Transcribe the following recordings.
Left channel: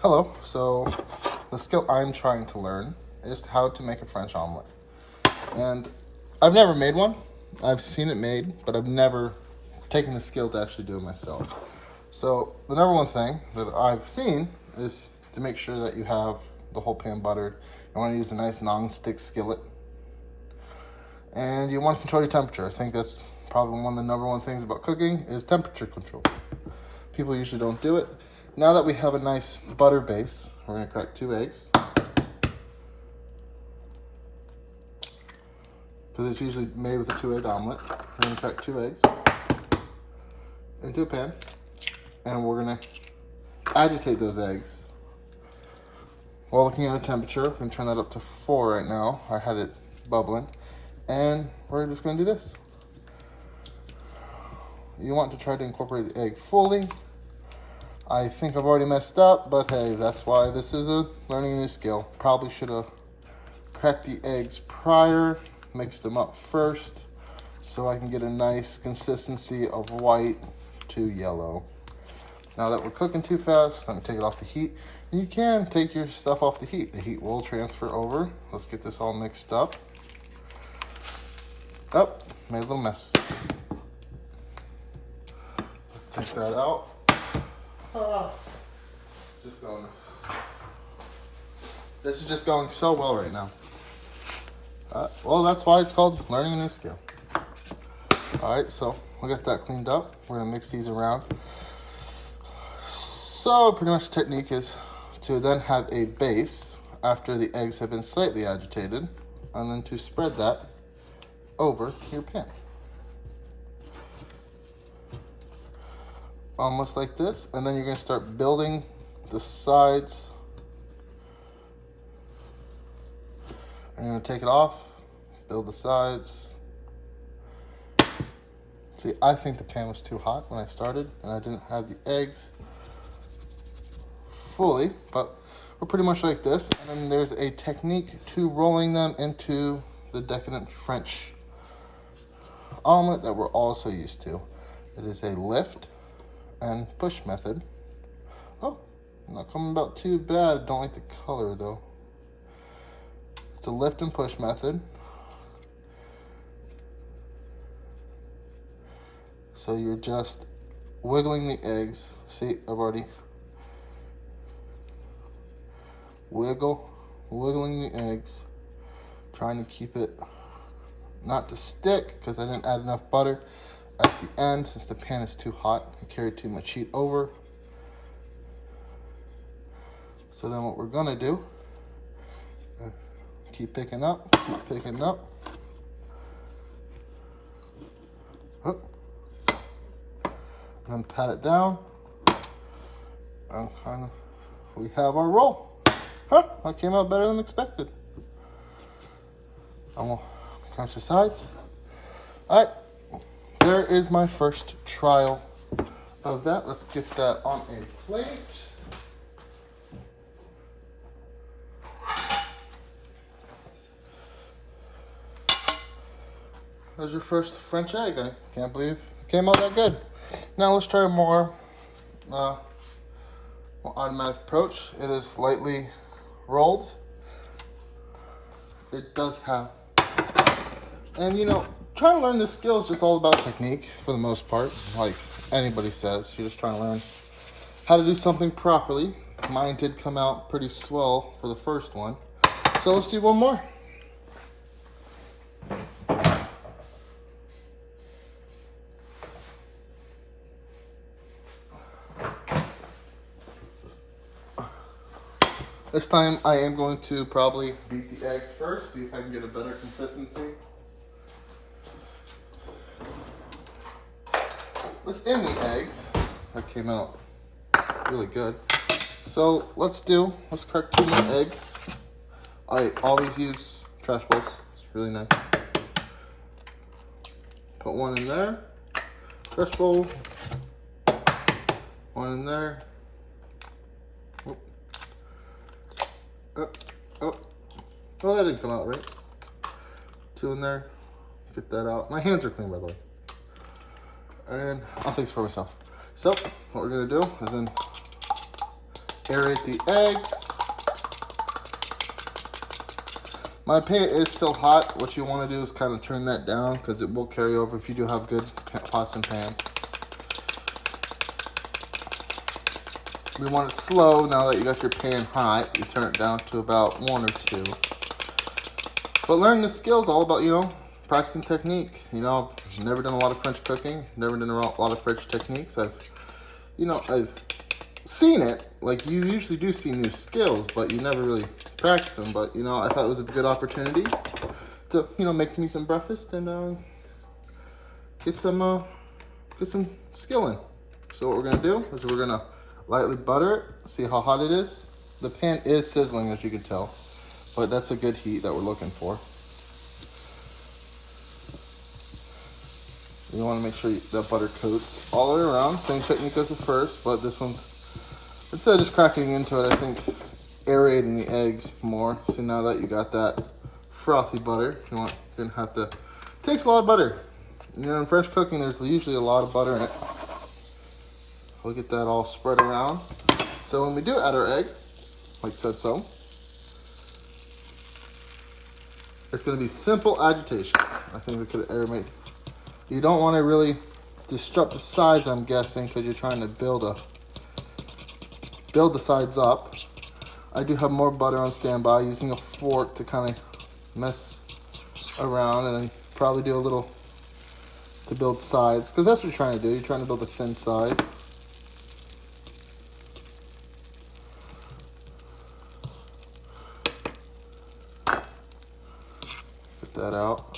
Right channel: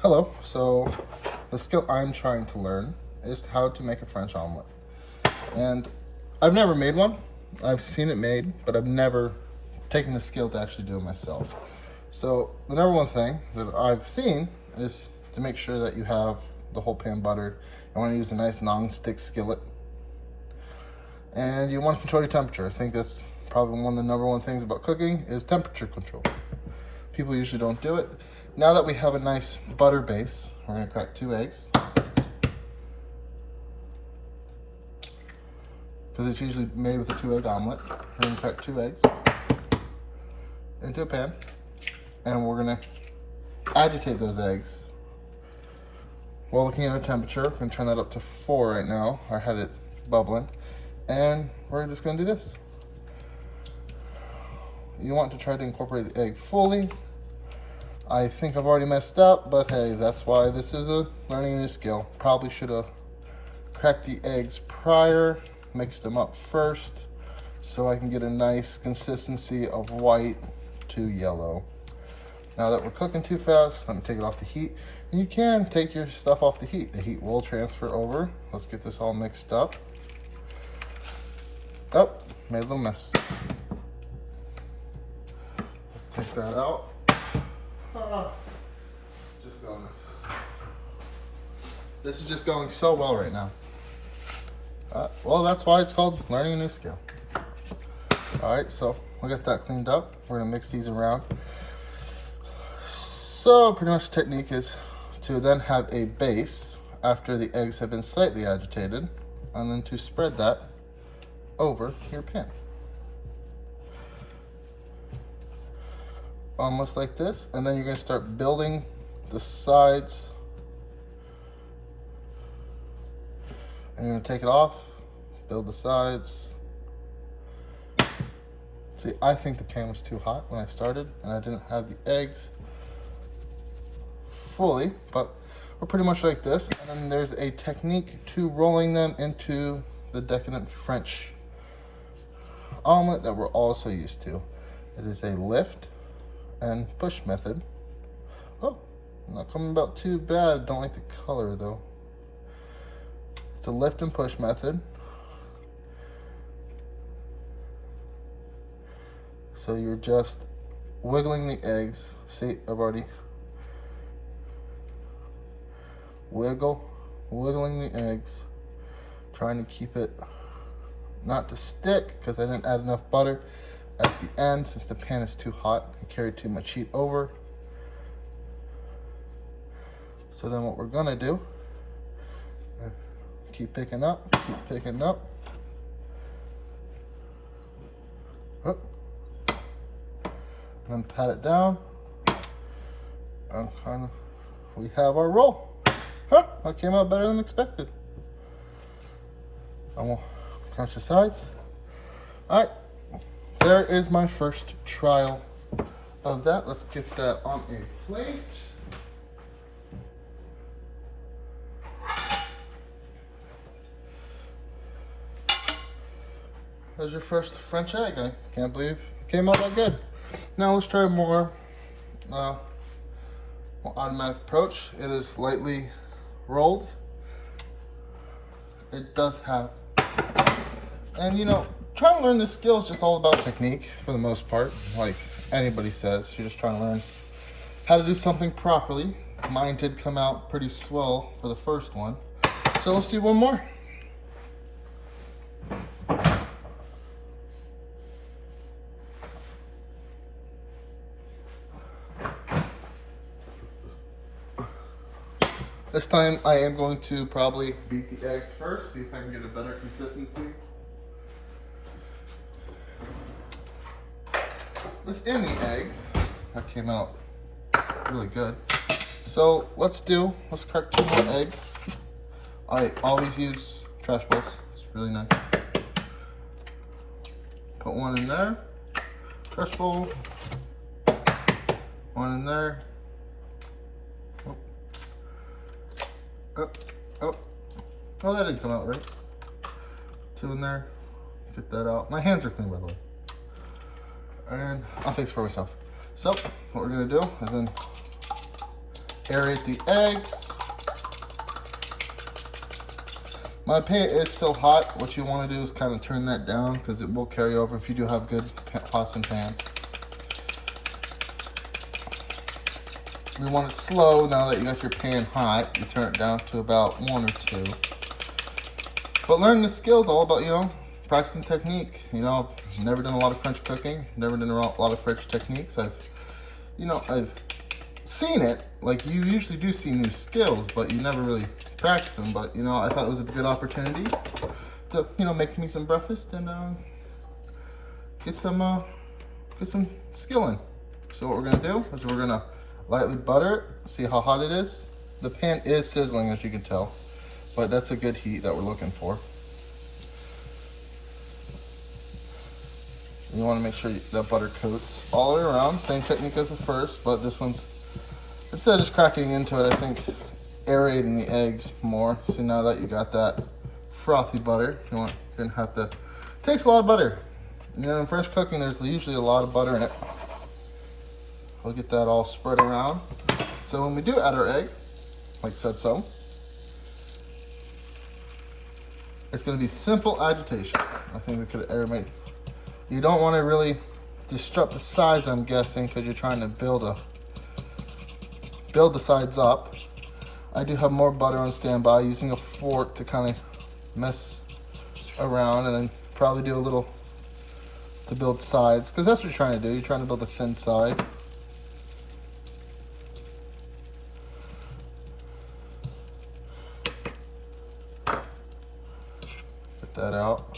Hello, so the skill I'm trying to learn is how to make a French omelet. And I've never made one. I've seen it made, but I've never taken the skill to actually do it myself. So the number one thing that I've seen is to make sure that you have the whole pan buttered. You want to use a nice non-stick skillet. And you want to control your temperature. I think that's probably one of the number one things about cooking is temperature control. People usually don't do it. Now that we have a nice butter base, we're going to crack 2 eggs. Because it's usually made with a 2-egg omelet. We're going to crack 2 eggs into a pan. And we're going to agitate those eggs. While looking at our temperature, we're going to turn that up to 4 right now. I had it bubbling. And we're just going to do this. You want to try to incorporate the egg fully. I think I've already messed up, but hey, that's why this is a learning a new skill. Probably should have cracked the eggs prior, mixed them up first, so I can get a nice consistency of white to yellow. Now that we're cooking too fast, let me take it off the heat. And you can take your stuff off the heat. The heat will transfer over. Let's get this all mixed up. Oh, made a little mess. Let's take that out. This is just going so well right now. Well, that's why it's called learning a new skill. All right, so we'll get that cleaned up. We're gonna mix these around. So pretty much the technique is to then have a base after the eggs have been slightly agitated, and then to spread that over your pan. Almost like this, and then you're going to start building the sides. And you're going to take it off, build the sides. See, I think the pan was too hot when I started, and I didn't have the eggs fully, but we're pretty much like this. And then there's a technique to rolling them into the decadent French omelet that we're also used to. It is a lift and push method. Oh, not coming about too bad. Don't like the color though. It's a lift and push method. So you're just wiggling the eggs. See, I've already wiggling the eggs, trying to keep it not to stick because I didn't add enough butter at the end since the pan is too hot. I carried too much heat over. So then what we're gonna do, keep picking up, keep picking up. And then pat it down. And kind of, we have our roll. That came out better than expected. And we'll crunch the sides. All right. There is my first trial of that. Let's get that on a plate. There's your first French egg. I can't believe it came out that good. Now let's try a more automatic approach. It is lightly rolled. It does have, and you know, trying to learn this skill is just all about technique for the most part. Like anybody says, you're just trying to learn how to do something properly. Mine did come out pretty swell for the first one. So let's do one more. This time I am going to probably beat the eggs first, see if I can get a better consistency. Within the egg, that came out really good. So let's crack 2 more eggs. I always use trash bowls, it's really nice. Put 1 in there, trash bowl, 1 in there. Oh, that didn't come out right. 2 in there, get that out. My hands are clean, by the way. And I'll fix it for myself. So what we're gonna do is then aerate the eggs. My pan is still hot. What you want to do is kind of turn that down because it will carry over if you do have good pots and pans. We want it slow. Now that you got your pan hot, you turn it down to about 1 or 2. But learning the skill is all about, you know, practicing technique. You know, I've never done a lot of French cooking, never done a lot of French techniques. I've seen it. Like, you usually do see new skills, but you never really practice them. But, you know, I thought it was a good opportunity to, you know, make me some breakfast and get some skill in. So what we're gonna do is we're gonna lightly butter it, see how hot it is. The pan is sizzling, as you can tell, but that's a good heat that we're looking for. You want to make sure that butter coats all the way around. Same technique as the first, but this one's, instead of just cracking into it, I think aerating the eggs more. So now that you got that frothy butter, you're gonna have to, it takes a lot of butter. You know, in French cooking, there's usually a lot of butter in it. We'll get that all spread around. So when we do add our egg, like said so, it's gonna be simple agitation. I think we could aerate. You don't want to really disrupt the sides, I'm guessing, because you're trying to build the sides up. I do have more butter on standby, using a fork to kind of mess around, and then probably do a little to build sides, because that's what you're trying to do. You're trying to build a thin side. Get that out.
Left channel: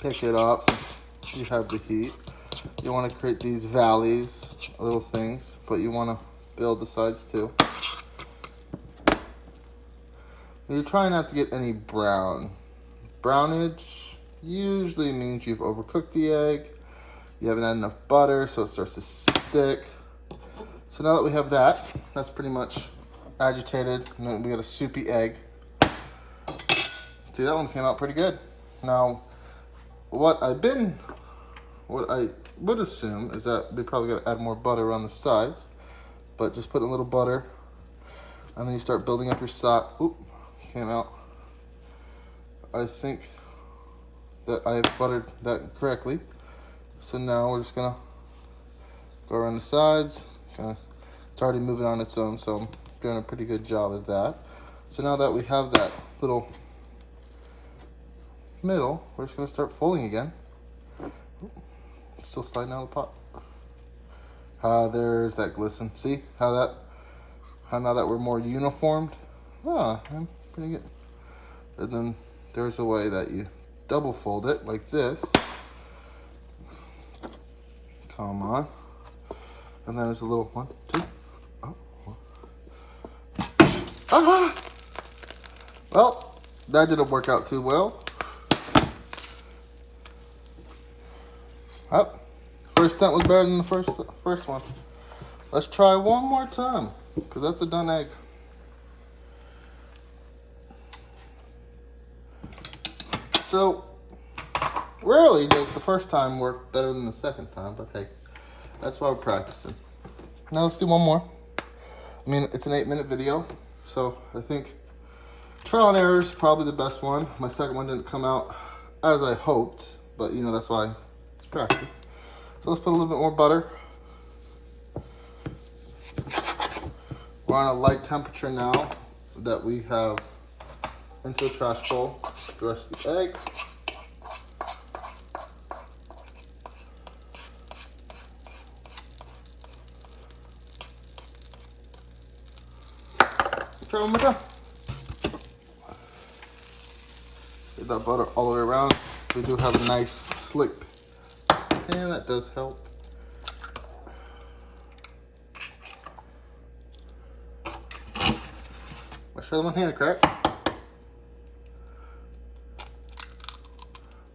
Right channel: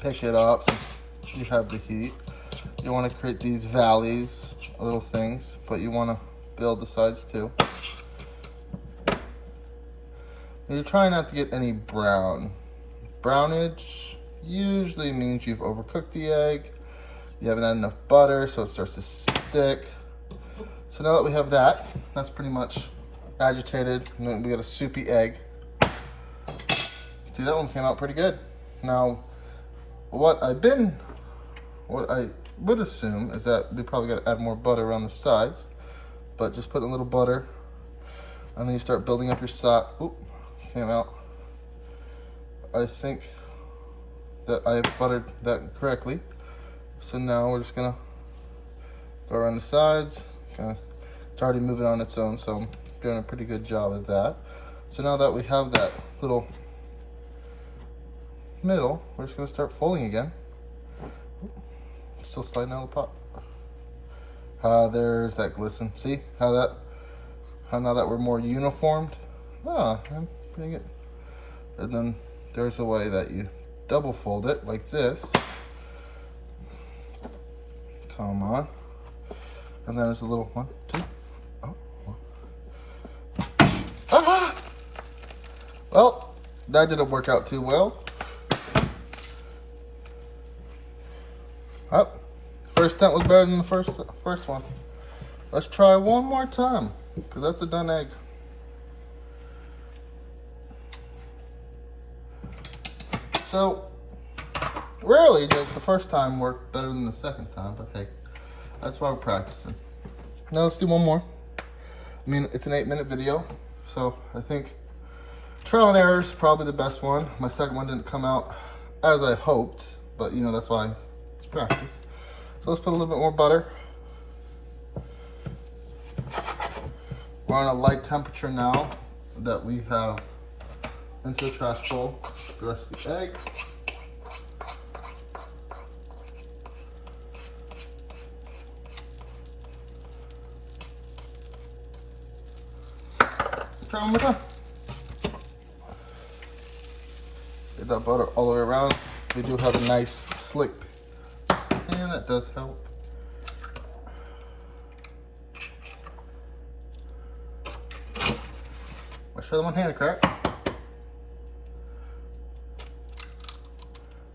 Pick it up since you have the heat. You want to create these valleys, little things, but you want to build the sides too. You're trying not to get any brown. Brownage usually means you've overcooked the egg. You haven't had enough butter, so it starts to stick. So now that we have that, that's pretty much agitated. And then we got a soupy egg. See, that one came out pretty good. Now, what I would assume is that we probably got to add more butter around the sides, but just put a little butter, and then you start building up your side. Oop, came out. I think that I have buttered that correctly. So now we're just gonna go around the sides. It's already moving on its own, so I'm doing a pretty good job of that. So now that we have that little middle, we're just gonna start folding again. Still sliding out of the pot. There's that glisten. See how now that we're more uniformed? I'm pretty good. And then there's a way that you double fold it like this. Come on. And then there's a little 1, 2. Oh. Ah! Well, that didn't work out too well. Oh, first attempt was better than the first one. Let's try one more time, because that's a done egg. So, rarely does the first time work better than the second time, but hey, that's why we're practicing. Now let's do one more. I mean, it's an 8-minute video, so I think trial and error is probably the best one. My second one didn't come out as I hoped, but you know, that's why it's practice. So let's put a little bit more butter. We're on a light temperature now that we have into a trash bowl the rest of the egg. Try one more time. Get that butter all the way around. We do have a nice slick pan, that does help. Let's try the one hand crack.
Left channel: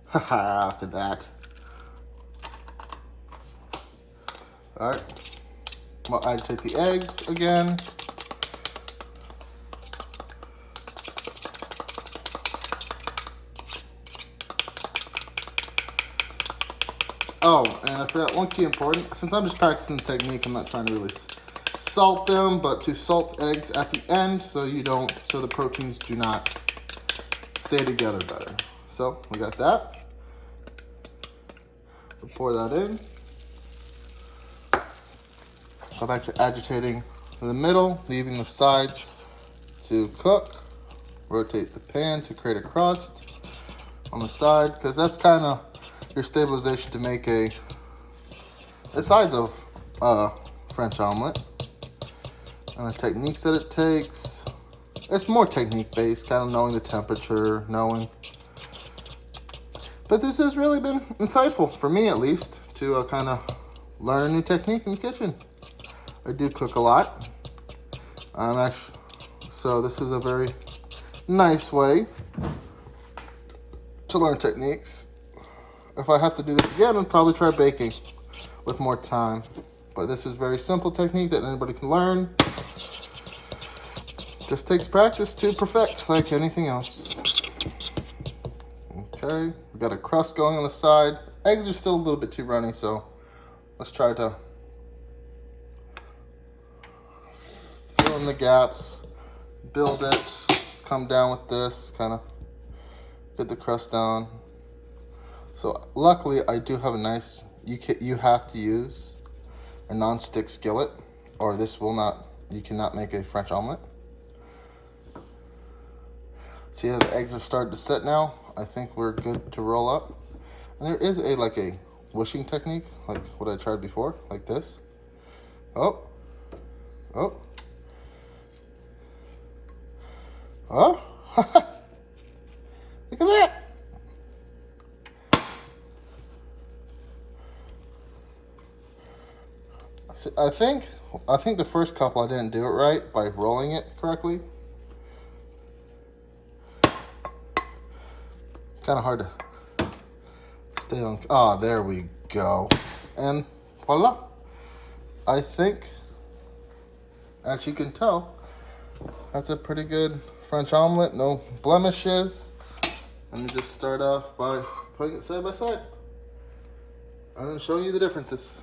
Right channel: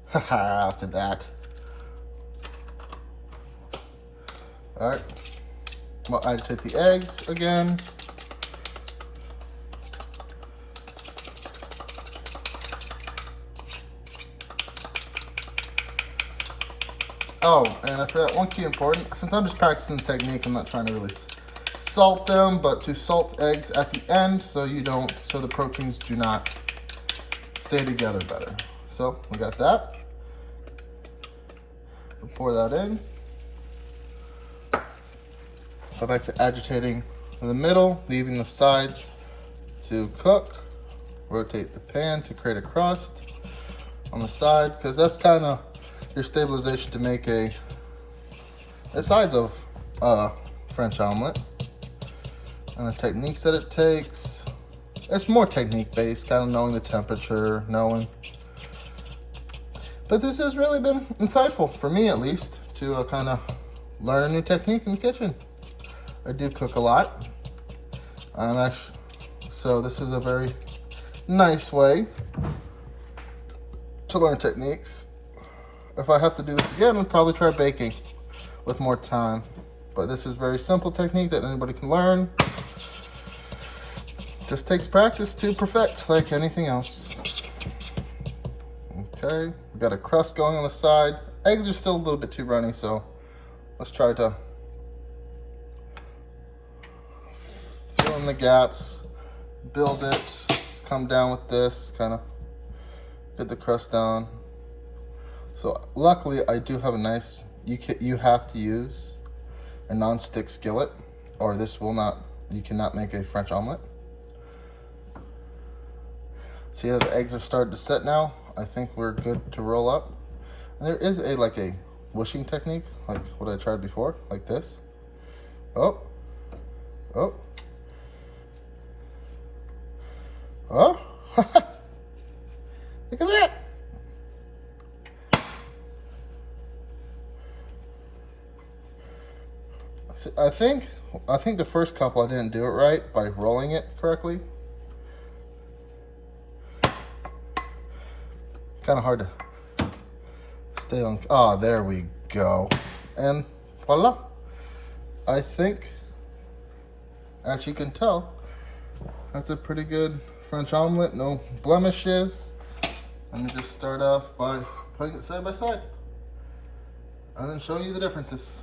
Haha, look at that. Alright. I'll agitate the eggs again. Oh, and I forgot one key important. Since I'm just practicing the technique, I'm not trying to really salt them, but to salt eggs at the end so the proteins do not stay together better. So we got that. We'll pour that in. Go back to agitating in the middle, leaving the sides to cook. Rotate the pan to create a crust on the side, because that's kind of your stabilization to make the sides of French omelet. And the techniques that it takes, it's more technique based, kind of knowing the temperature, but this has really been insightful for me, at least, to kind of learn a new technique in the kitchen. I do cook a lot. So this is a very nice way to learn techniques. If I have to do this again, I'll probably try baking with more time. But this is a very simple technique that anybody can learn. Just takes practice to perfect, like anything else. Okay, we got a crust going on the side. Eggs are still a little bit too runny, so let's try to fill in the gaps, build it, just come down with this, kind of get the crust down. So luckily I do have a nice, you have to use a non-stick skillet, or you cannot make a French omelet. See how the eggs are starting to set now? I think we're good to roll up. And there is a whooshing technique, like what I tried before, like this. Oh. Look at that. I think the first couple I didn't do it right by rolling it correctly. Kind of hard to stay on. Oh, there we go. And voila. I think, as you can tell, that's a pretty good French omelet, no blemishes. Let me just start off by putting it side by side and then show you the differences.